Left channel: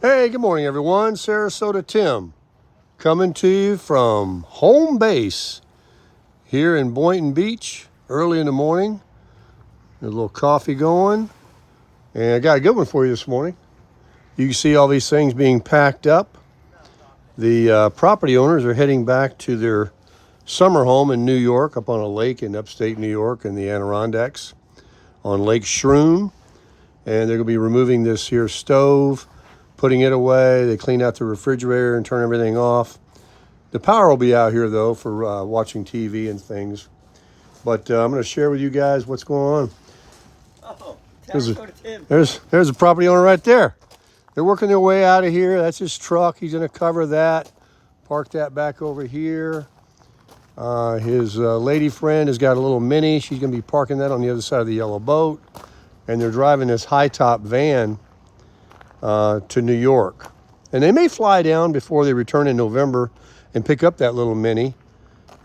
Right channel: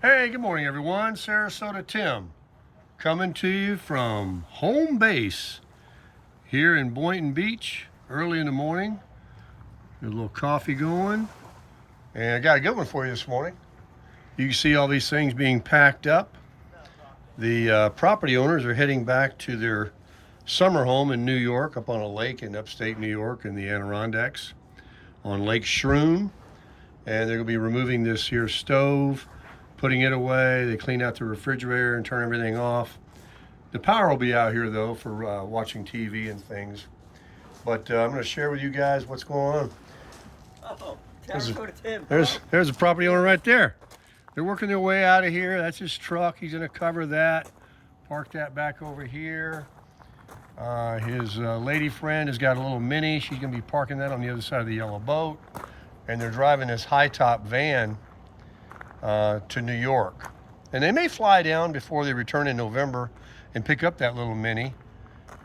Hey, good morning, everyone. Sarasota Tim coming to you from home base here in Boynton Beach early in the morning. A little coffee going, and I got a good one for you this morning. You can see all these things being packed up. The property owners are heading back to their summer home in New York, up on a lake in upstate New York in the Adirondacks on Lake Shroom. And they're going to be removing this here stove, putting it away. They clean out the refrigerator and turn everything off. The power will be out here though for watching TV and things. But I'm going to share with you guys what's going on. There's a property owner right there. They're working their way out of here. That's his truck. He's going to cover that. Park that back over here. His lady friend has got a little Mini. She's going to be parking that on the other side of the yellow boat. And they're driving this high-top van to New York. And they may fly down before they return in November and pick up that little Mini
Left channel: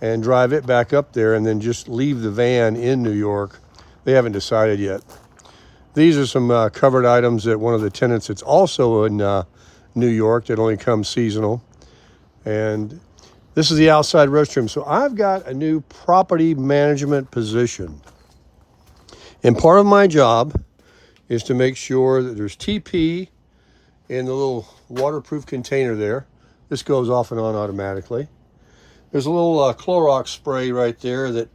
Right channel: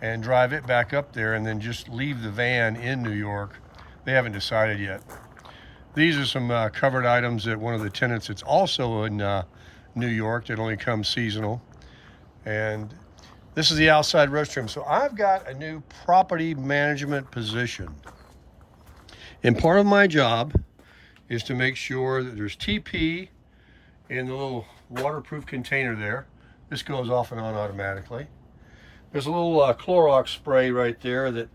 and drive it back up there and then just leave the van in New York. They haven't decided yet. These are some covered items that one of the tenants that's also in New York that only comes seasonal. And this is the outside restroom. So I've got a new property management position. And part of my job is to make sure that there's TP in the little waterproof container there. This goes off and on automatically. There's a little Clorox spray right there that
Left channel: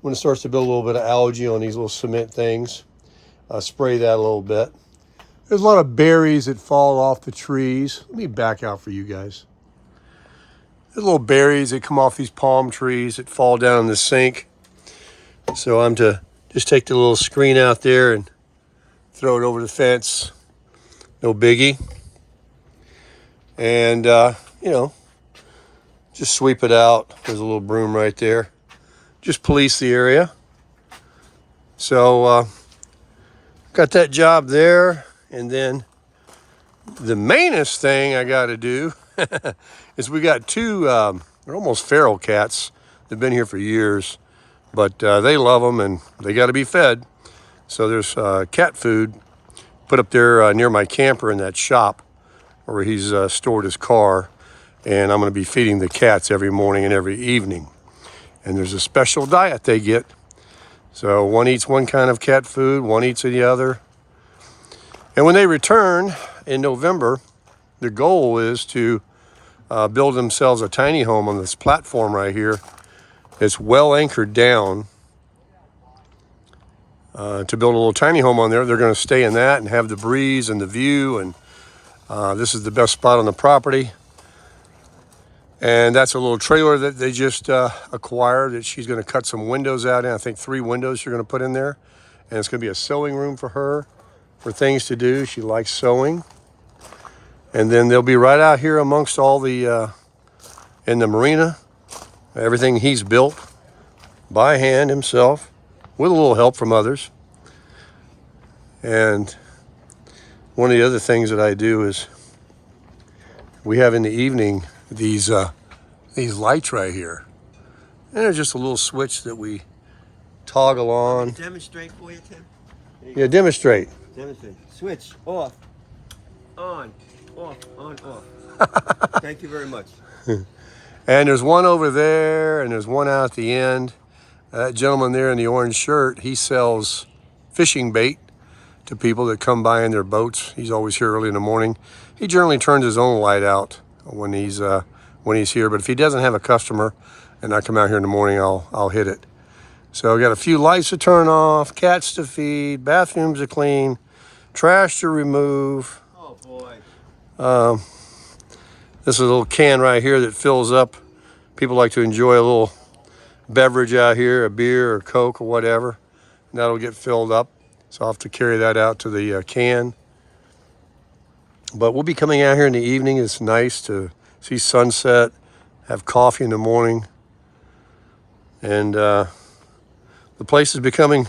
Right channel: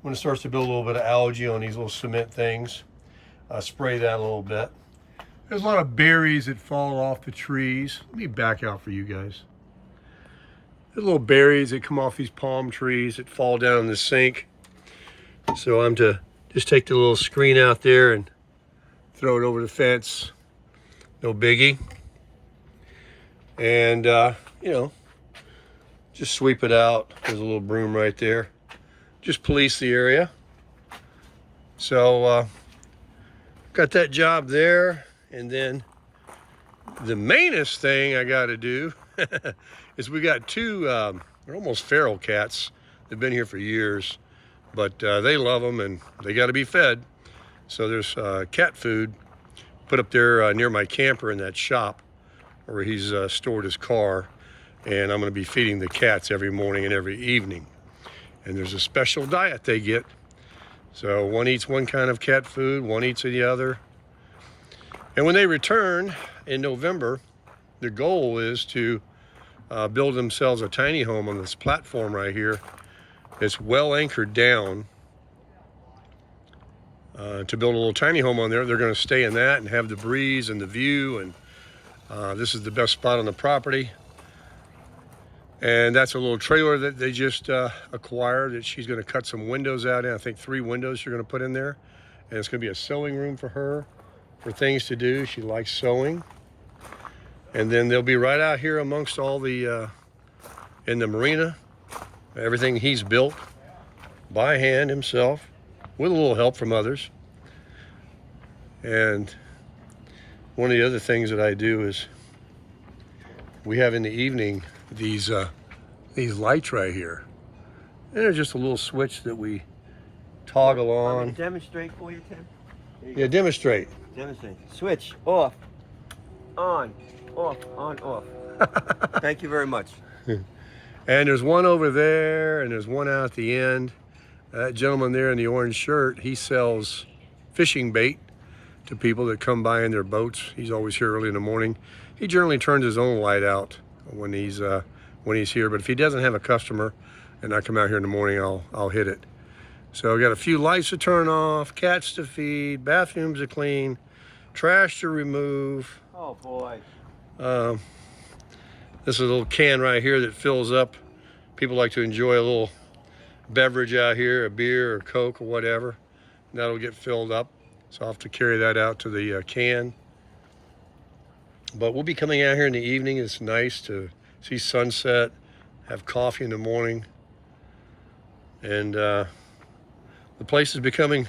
when it starts to build a little bit of algae on these little cement things, spray that a little bit. There's a lot of berries that fall off the trees. Let me back out for you guys. There's little berries that come off these palm trees that fall down in the sink. So I'm to just take the little screen out there and throw it over the fence. No biggie. And, you know, just sweep it out. There's a little broom right there. Just police the area. So, got that job there. And then the mainest thing I got to do is we got two, they're almost feral cats. They've been here for years, but they love them and they got to be fed. So there's cat food put up there near my camper in that shop where he's stored his car. And I'm going to be feeding the cats every morning and every evening. And there's a special diet they get. So one eats one kind of cat food, one eats the other. And when they return in November, the goal is to build themselves a tiny home on this platform right here. It's well anchored down to build a little tiny home on there. They're going to stay in that and have the breeze and the view. And this is the best spot on the property. And that's a little trailer that they just acquired that she's going to cut some windows out in. I think 3 windows she's going to put in there. And it's going to be a sewing room for her, for things to do. She likes sewing. And then they'll be right out here amongst all the, in the marina, everything he's built by hand himself with a little help from others. And one of the other things that I do is we have in the evening these lights right here. And there's just a little switch that we toggle on. Want me to demonstrate for you, Tim? Yeah, demonstrate. Demonstrate. Switch off, on, off, on, off. Thank you very much. And there's one over there, and there's one out at the end. That gentleman there in the orange shirt, he sells fishing bait to people that come by in their boats. He's always here early in the morning. He generally turns his own light out when he's here, but if he doesn't have a customer and I come out here in the morning, I'll hit it. So I got a few lights to turn off, cats to feed, bathrooms to clean, trash to remove. Oh boy. This is a little can right here that fills up. People like to enjoy a little beverage out here, a beer or Coke or whatever. And that'll get filled up. So I'll have to carry that out to the can. But we'll be coming out here in the evening. It's nice to see sunset, have coffee in the morning. And the place is becoming,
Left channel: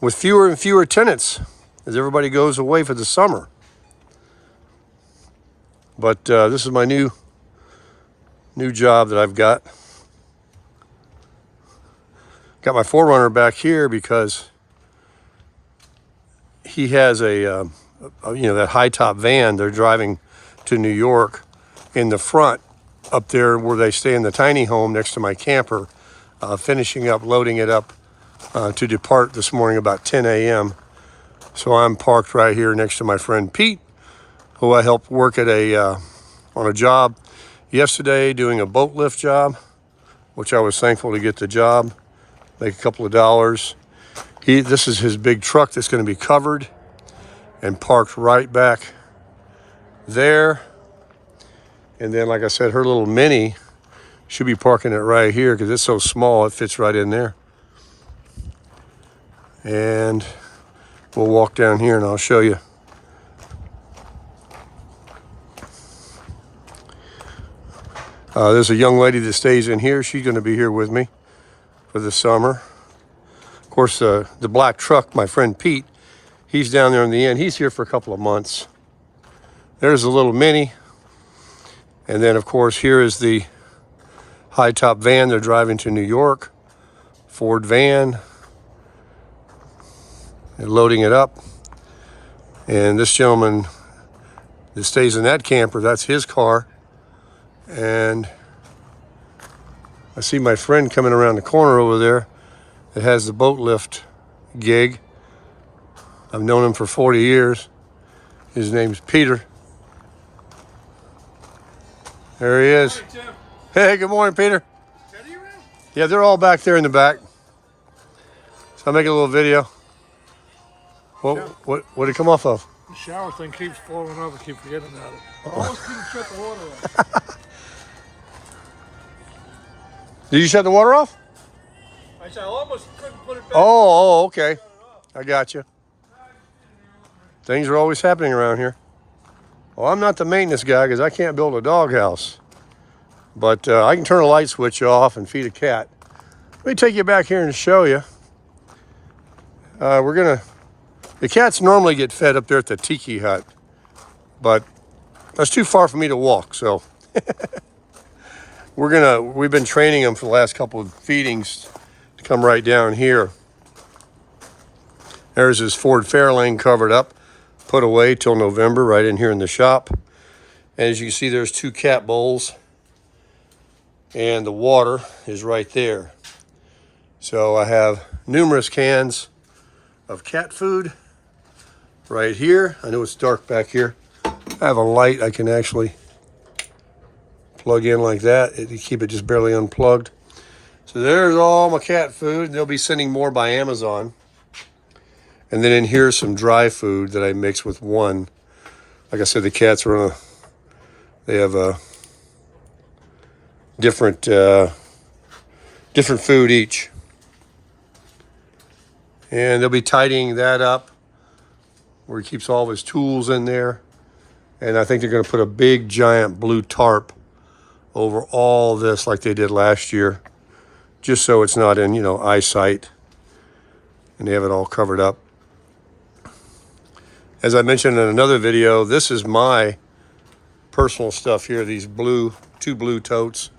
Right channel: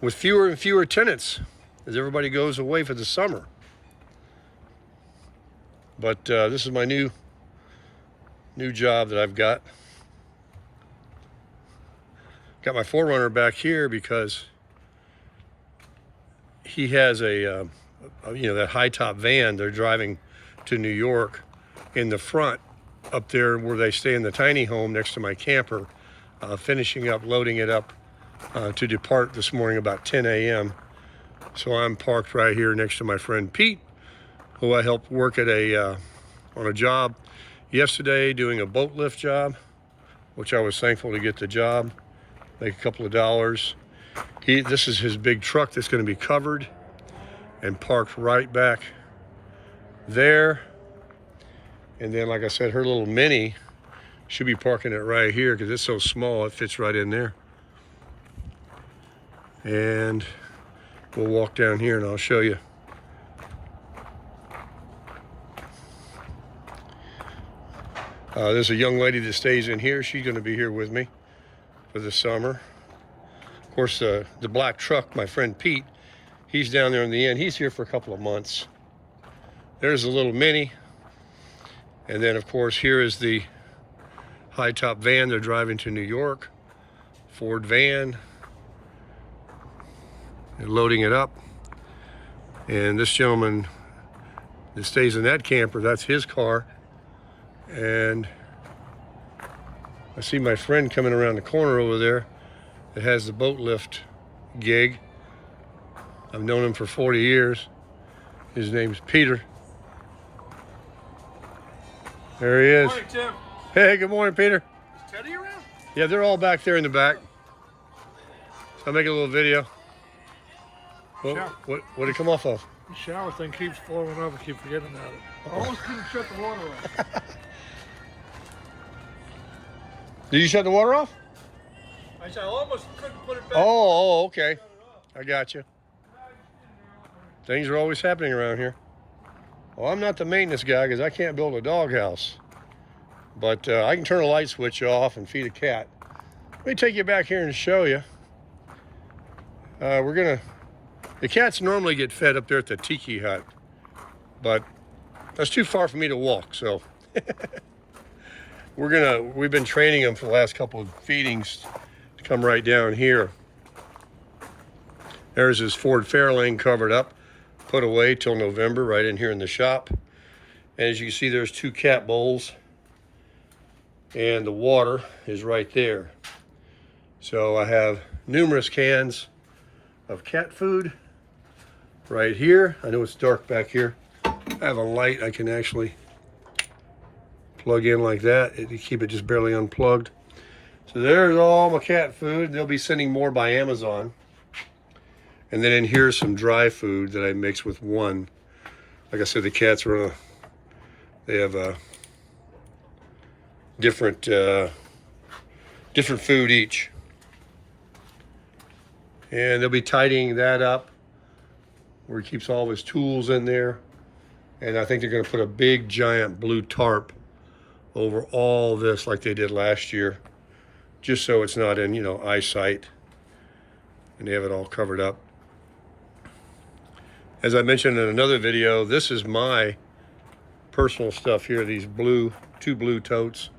with fewer and fewer tenants as everybody goes away for the summer. But this is my new job that I've got. Got my 4Runner back here because he has a you know, that high top van. They're driving to New York in the front up there where they stay in the tiny home next to my camper, finishing up, loading it up to depart this morning about 10 a.m. So I'm parked right here next to my friend Pete, who I helped work at on a job yesterday doing a boat lift job, which I was thankful to get the job, make a couple of dollars. This is his big truck that's going to be covered and parked right back there. And then, like I said, her little Mini should be parking it right here because it's so small, it fits right in there. And we'll walk down here and I'll show you. There's a young lady that stays in here. She's going to be here with me for the summer. Of course, the black truck, my friend Pete, he's down there in the end. He's here for a couple of months. There's a little Mini. And then, of course, here is the high top van they're driving to New York. Ford van. They're loading it up. And this gentleman that stays in that camper, that's his car. And I see my friend coming around the corner over there that has the boat lift gig. I've known him for 40 years. His name's Peter. There he is. Good morning, Tim. Hey, good morning, Peter. Is Teddy around? Yeah, they're all back there in the back. So I'm making a little video. What did it come off of? The shower thing keeps falling over. Keep forgetting about it. I almost couldn't shut the water off. Did you shut the water off? I said I almost couldn't put it back. Oh, okay. I got you. Things are always happening around here. Well, I'm not the maintenance guy because I can't build a doghouse. But I can turn a light switch off and feed a cat. Let me take you back here and show you. The cats normally get fed up there at the tiki hut. But that's too far for me to walk, so. We've been training them for the last couple of feedings to come right down here. There's his Ford Fairlane covered up, put away till November, right in here in the shop. And as you can see, there's 2 cat bowls, and the water is right there. So I have numerous cans of cat food right here. I know it's dark back here. I have a light I can actually plug in like that to keep it just barely unplugged. So there's all my cat food. They'll be sending more by Amazon. And then in here some dry food that I mix with one. Like I said, the cats are they have a different food each. And they'll be tidying that up where he keeps all of his tools in there. And I think they're going to put a big giant blue tarp over all this like they did last year, just so it's not in, eyesight. And they have it all covered up. As I mentioned in another video, this is my personal stuff here, these 2 blue totes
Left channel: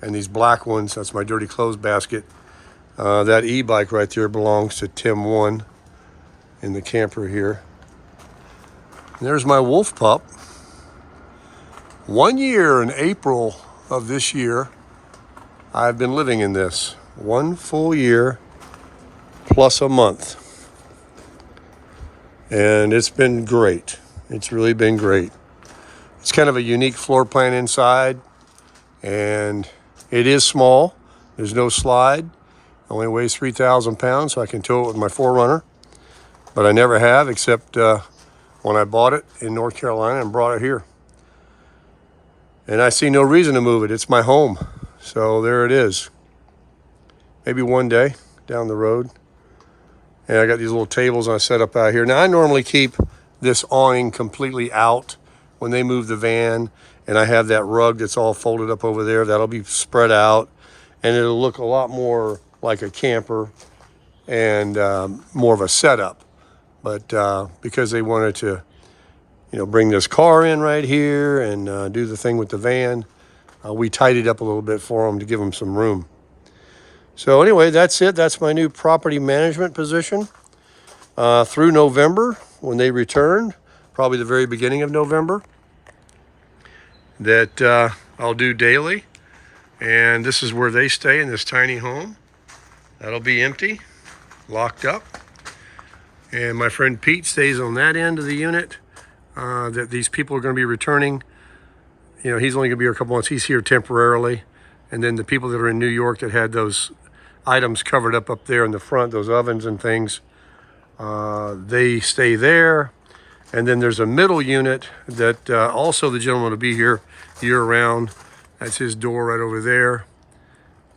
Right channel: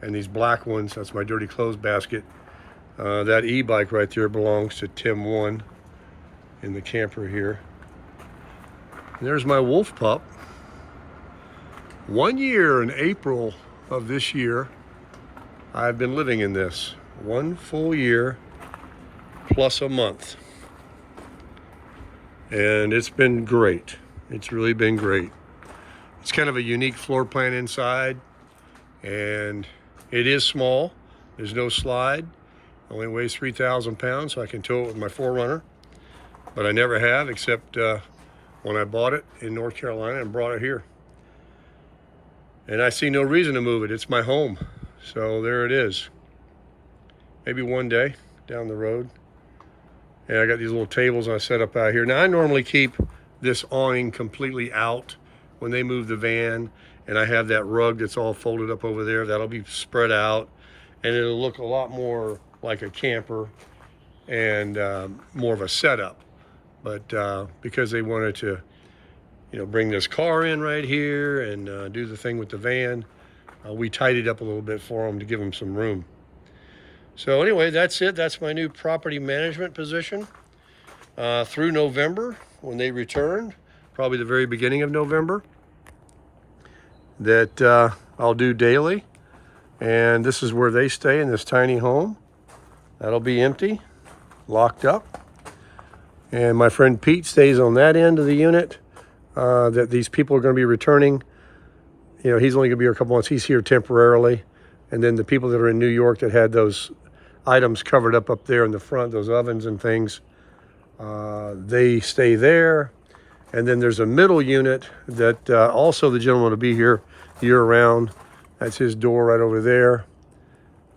and these black ones. That's my dirty clothes basket. That e-bike right there belongs to Tim 1 in the camper here. And there's my wolf pup. 1 year in April of this year, I've been living in this. 1 full year plus a month. And it's been great. It's really been great. It's kind of a unique floor plan inside, and it is small. There's no slide. It only weighs 3,000 pounds, so I can tow it with my 4Runner. But I never have, except when I bought it in North Carolina and brought it here. And I see no reason to move it. It's my home. So there it is. Maybe one day down the road. And I got these little tables I set up out here. Now I normally keep this awning completely out when they move the van. And I have that rug that's all folded up over there. That'll be spread out. And it'll look a lot more like a camper and more of a setup. But because they wanted to bring this car in right here and do the thing with the van, we tidied up a little bit for them to give them some room. So anyway, that's it. That's my new property management position through November when they returned. probably the very beginning of November, that I'll do daily. And this is where they stay, in this tiny home. That'll be empty, locked up. And my friend Pete stays on that end of the unit that these people are going to be returning. You know, he's only going to be here a couple months. He's here temporarily. And then the people that are in New York that had those items covered up there in the front, those ovens and things, they stay there. And then there's a middle unit that also the gentleman will be here year-round. That's his door right over there,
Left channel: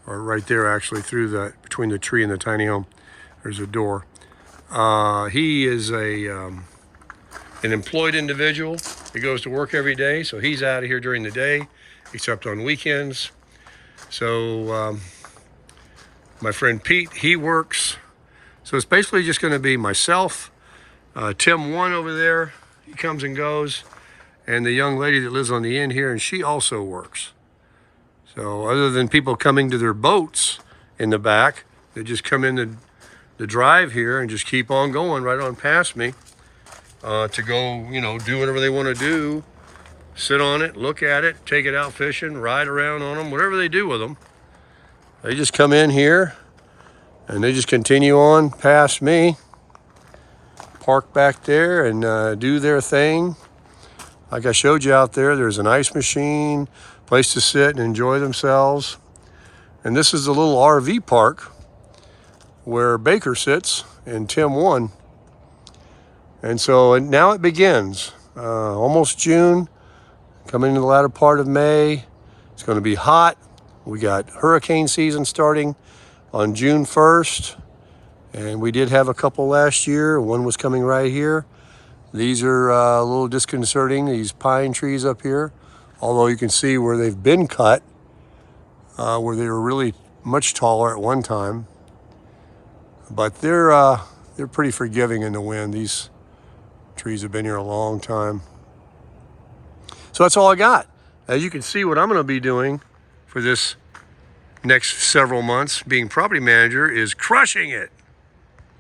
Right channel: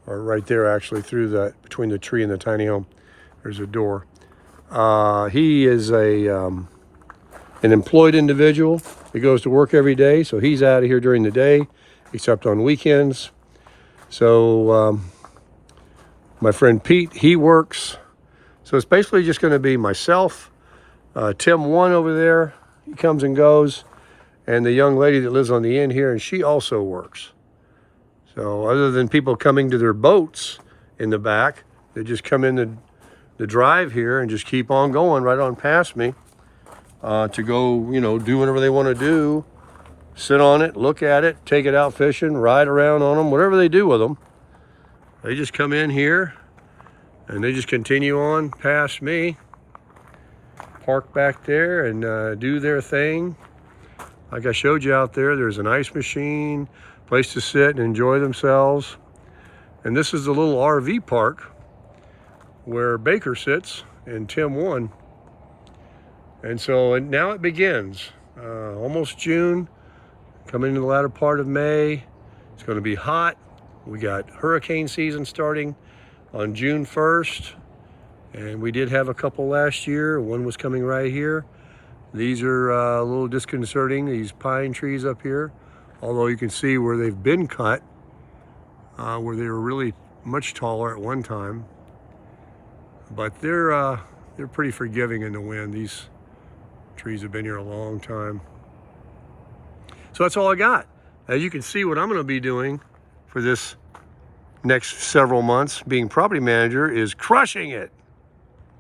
or right there actually, through the between the tree and the tiny home. There's a door. He is an employed individual. He goes to work every day, so he's out of here during the day, except on weekends. So my friend Pete, he works. So it's basically just going to be myself, Tim One over there, he comes and goes, and the young lady that lives on the end here, and she also works. So other than people coming to their boats in the back, they just come in the drive here and just keep on going right on past me to go, you know, do whatever they want to do, sit on it, look at it, take it out fishing, ride around on them, whatever they do with them. They just come in here and they just continue on past me, park back there and do their thing. Like I showed you out there, there's an ice machine, place to sit and enjoy themselves. And this is the little RV park where Baker sits and Tim One. And so now it begins. Almost June, coming into the latter part of May. It's going to be hot. We got hurricane season starting on June 1st. And we did have a couple last year. One was coming right here. These are a little disconcerting, these pine trees up here. Although you can see where they've been cut, where they were really much taller at one time. But they're pretty forgiving in the wind. These trees have been here a long time. So that's all I got. As you can see, what I'm going to be doing for this next several months, being property manager, is crushing it.